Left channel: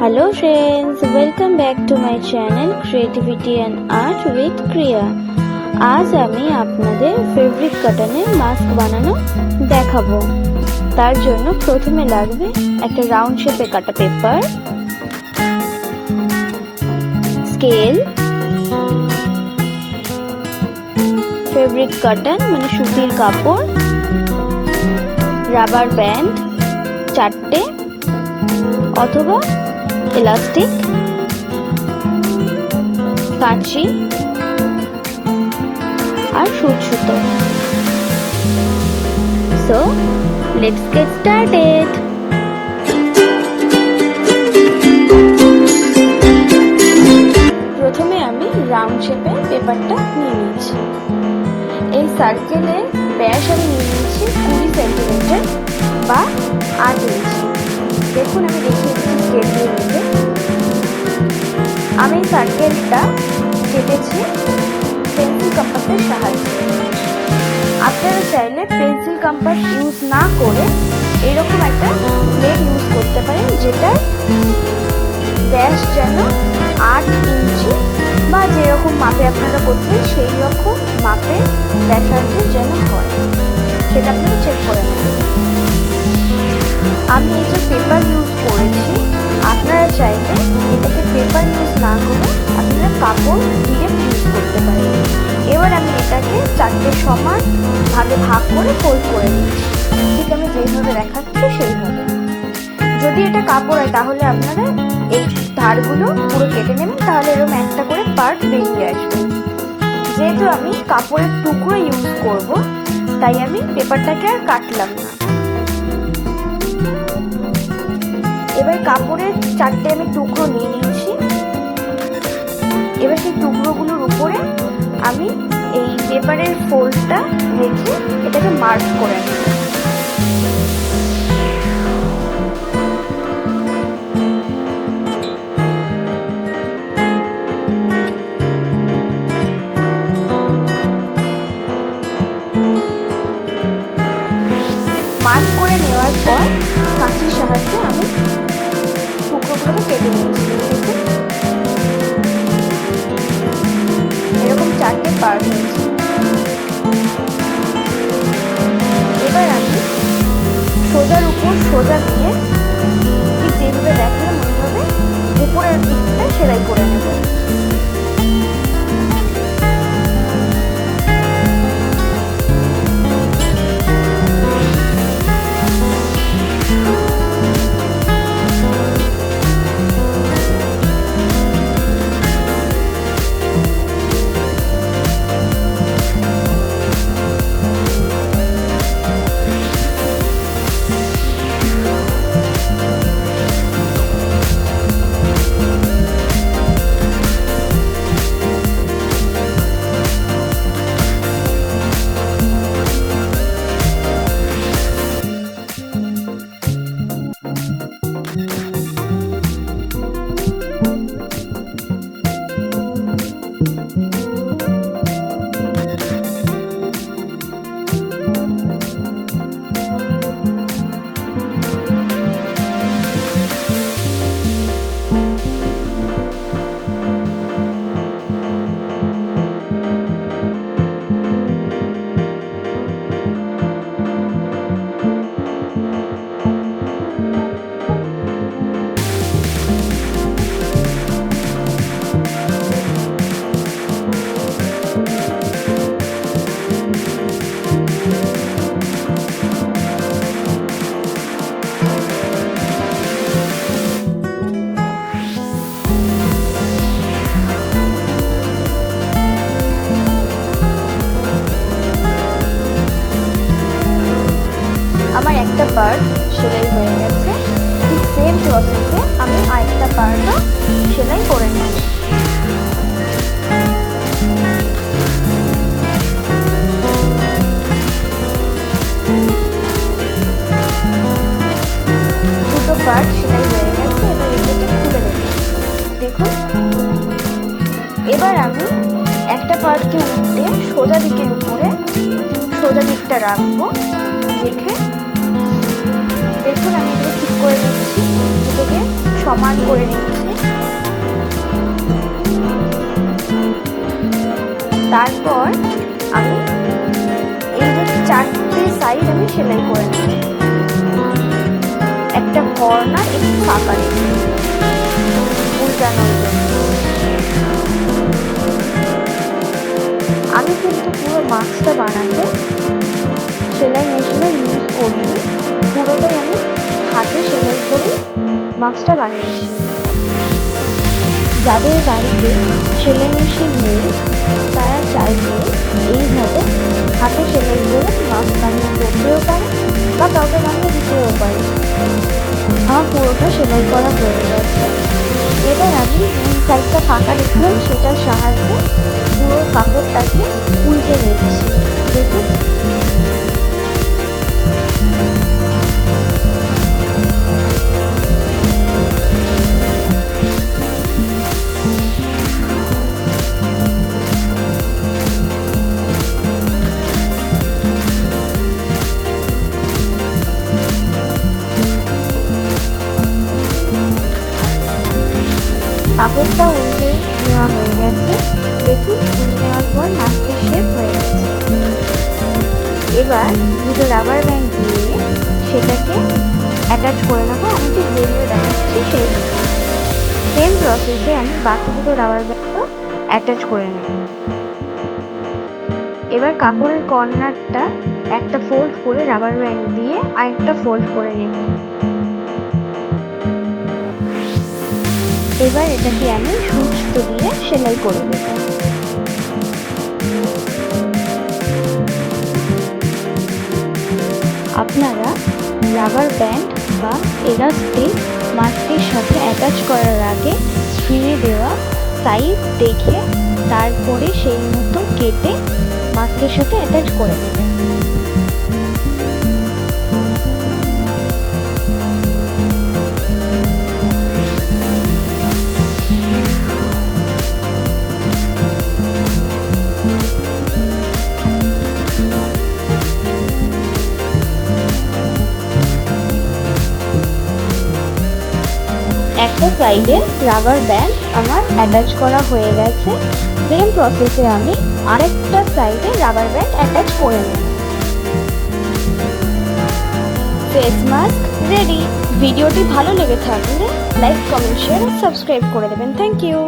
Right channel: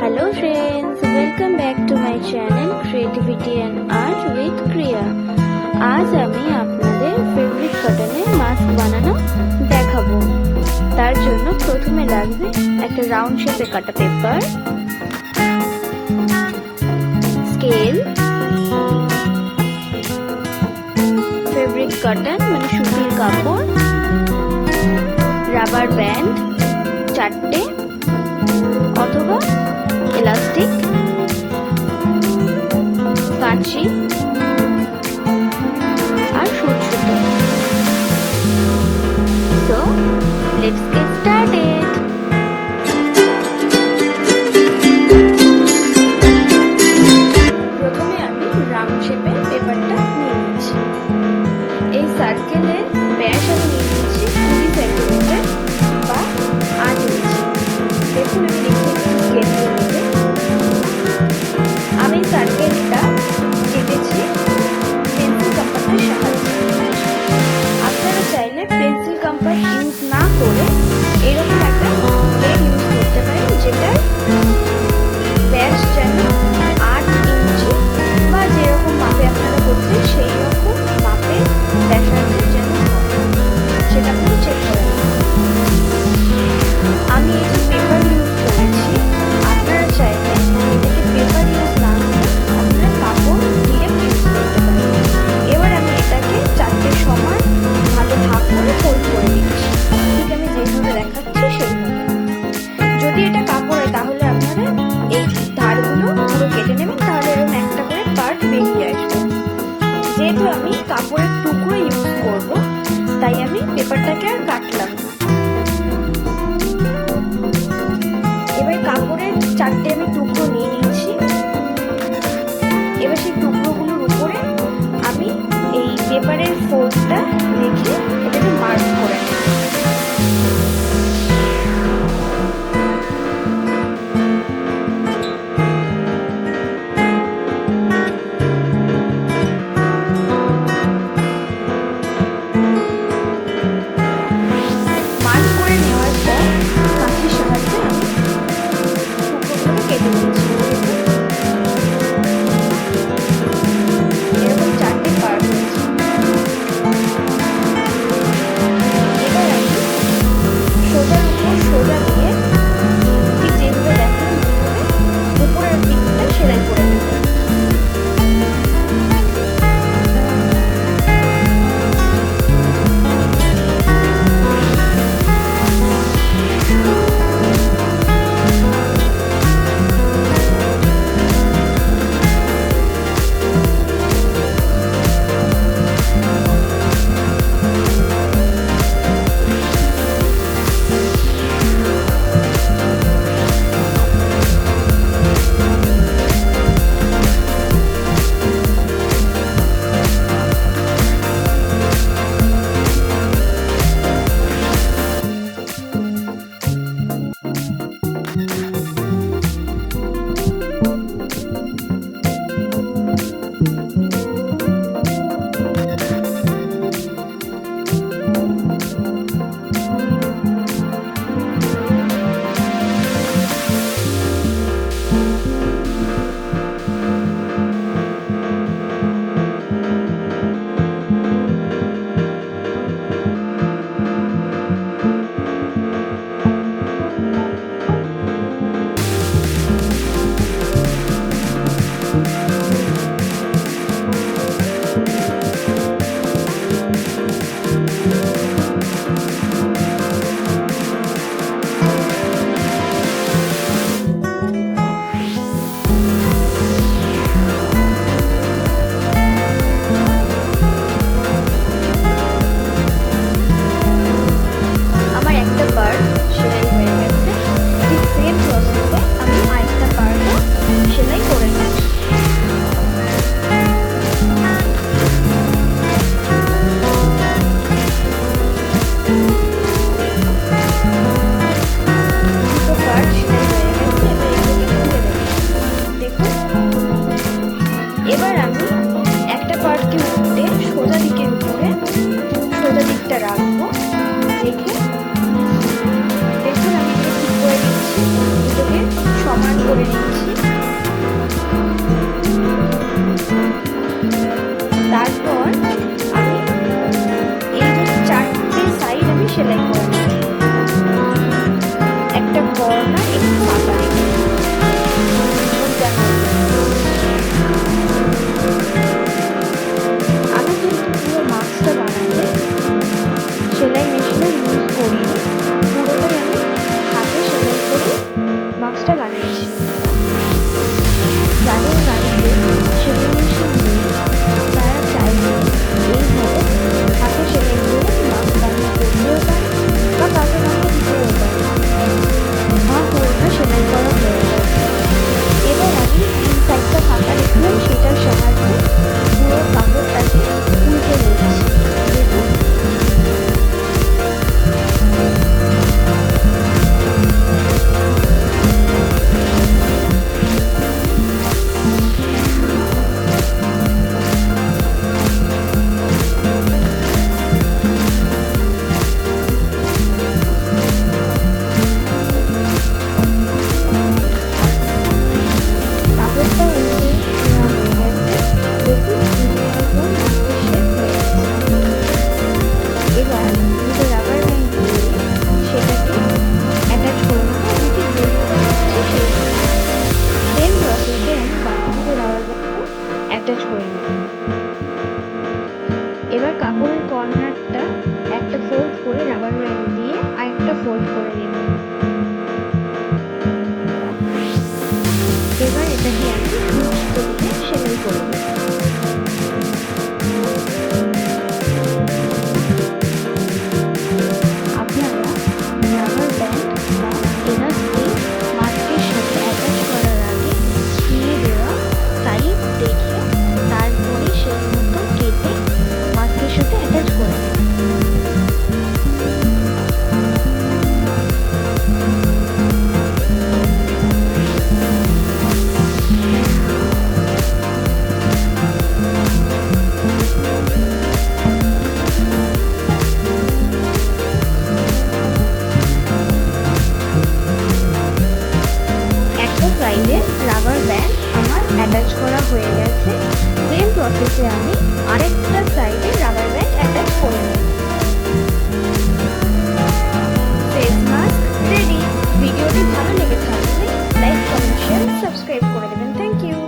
Hello friends, welcome back to my channel Creativity and Art with Kriya. আজ আমি আপনাদের fabric কটনের mask বানানো দেখাবো। তার জন্য প্রথমে লাগবে একটা রাউন্ড শেপে কাটা পেপার, স্কেল, ফেব্রিক কটন মানে সুতির কাপড়, রাবার ব্যান্ড 4টে অথবা ইলাস্টিক, কাঁচি আর সুতো। So let's get started. প্রথমে আমি রাউন্ড শেপের পেপারটা নিয়ে নিয়েছি। এই সার্কেলের ব্যাস আমি নিয়ে নিয়েছি 20 সেন্টিমিটার বা 8 ইঞ্চি। দেখুন আমি দেখিয়ে দিচ্ছি স্কেল দিয়ে নিতে। আমি সার্কেলটা কেটেছি পেন্সিল কম্পাসের সাহায্যে। আপনারা চাইলে পেন্সিল কম্পাস ইউজ না করে এরকম একটা প্লেট ইউজ করতে পারেন, যেটার ব্যাস যেন 8 ইঞ্চি বা যেরকম মাপে আপনারা করতেন সেই রকম মাপে ব্যাসার্ধের যেন হয়, সেটা আপনারা চেক করে নেবেন। আমি এটা পেপার ইউজ করেছি, আপনারা চাইলে এটাকে পেপার ইউজ না করে আপনারা কাপড় ডিরেক্ট ইউজ করতে পারেন। এবার আমি এটাকে 4টে সমান ভাগে ভাগ করে ফোল্ড করে নিচ্ছি, ঠিক আমি যেইভাবে দেখাচ্ছি সেইভাবে। যদি এটা কাপড় হয় তাহলে আপনারা এই ধারগুলো পুরো কেটে নেবেন, তাহলে এরকম একটা করে পার্ট বেরিয়ে আসবে। যেহেতু আমি কাপড়ের টুকরো ইউজ করব, তাই আমি পেপারটাকে আর কাটলাম না। এবার কাপড়ের 4টে আমি টুকরো নিয়ে নিচ্ছি। এবার সেই টুকরোগুলোর উপরে আমি এই পেপারের ফোল্ডটা রেখে এটাকে মার্ক করে নেব। মার্ক করে নেওয়ার পর কাঁচির সাহায্যে আমি টুকরোগুলোকে কেটে নিয়েছি। এরকম 4টে পার্ট হয়েছে। এবার আমি সোজার উপর সোজা দিয়ে ঠিক যেভাবে দেখালাম ওইভাবে উপরের দিকটা সেলাই করে নেব। আমার একটা পার্ট সেলাই হয়ে গেছে। ঠিক সেম প্রসেসে আমি আরেকটা পার্টও সেলাই করে নেব। দুটো পার্ট সেলাই হয়ে গেছে, এবার এগুলোকে খুলে নেব। দেখুন এবার আমি একটা পার্টকে উল্টে সোজা দিকের উপরে সোজা দিকটা রাখবো, রেখে দেখুন আমি এটাকে ঠিক করে নিচ্ছি, দুটোকে সমান করে নিচ্ছি। তারপর আমি এই যে 4টে সাইড আমি সেলাই করে নেব, একটা কর্নার একটু ফাঁকা রেখে উল্টানোর জন্য। আমি কিন্তু পুরো মাস্কটা বানাতে সেলাই মেশিনের ইউজ করিনি, পুরোটাই আমি হাতে সেলাই করে মাস্কটা বানিয়েছি। যাদের বাড়িতে সেলাই মেশিন নেই তারা চাইলে এইভাবে হাতে সেলাই করে মাস্ক বানিয়ে করতেও পারে বা কাউকে বানিয়ে দিতেও পারে। আমার পুরোটা সেলাই করা হয়ে গেছে। এবার আমি এই সাইডটা ফাঁকা রেখেছিলাম, সেটার সাহায্যে পুরো কাপড়টাকে উল্টে নিচ্ছি। দেখুন কাপড়টা উল্টে নেওয়া হয়ে গেছে। দেখুন উল্টে নেওয়ার পর মাস্কের শেপ হয়ে গেছে। এবার দুটো রাবার ব্যান্ড দিয়ে সেটাকে অ্যাটাচ করে নেবো। আমি ঠিক বেরিয়ে দেখাচ্ছি সেই সেম প্রসেসে আমি বাকি দুটো রাবার ব্যান্ডও অ্যাটাচ করে নেব। এবার কাপড়ের কর্নারটা একটা ফোল্ড করে রাবার ব্যান্ড দিয়ে আরেকটা ফোল্ড করে নেব। এবার এটাকে আমি সুচ দিয়ে সেলাই করে দেব। আপনারা রাবার ব্যান্ড বা এলাস্টিক মাস্কের সাথে অ্যাটাচ করার আগে স্ক্রিনে দেওয়া সাইজ দেখে তারপরে সেই মতো কেটে মাস্কের সাথে অ্যাটাচ করে নেবেন। একটা সাইডে রাবার ব্যান্ড আমার অ্যাটাচ করা হয়ে গেছে। সেম প্রসেসে আমি আরেকটা সাইডে রাবার ব্যান্ড অ্যাটাচ করে নেব। Face mask ready. ভিডিওটি ভালো লেগে থাকলে লাইক, কমেন্ট, শেয়ার আর সাবস্ক্রাইব করে দেবেন। Thank you.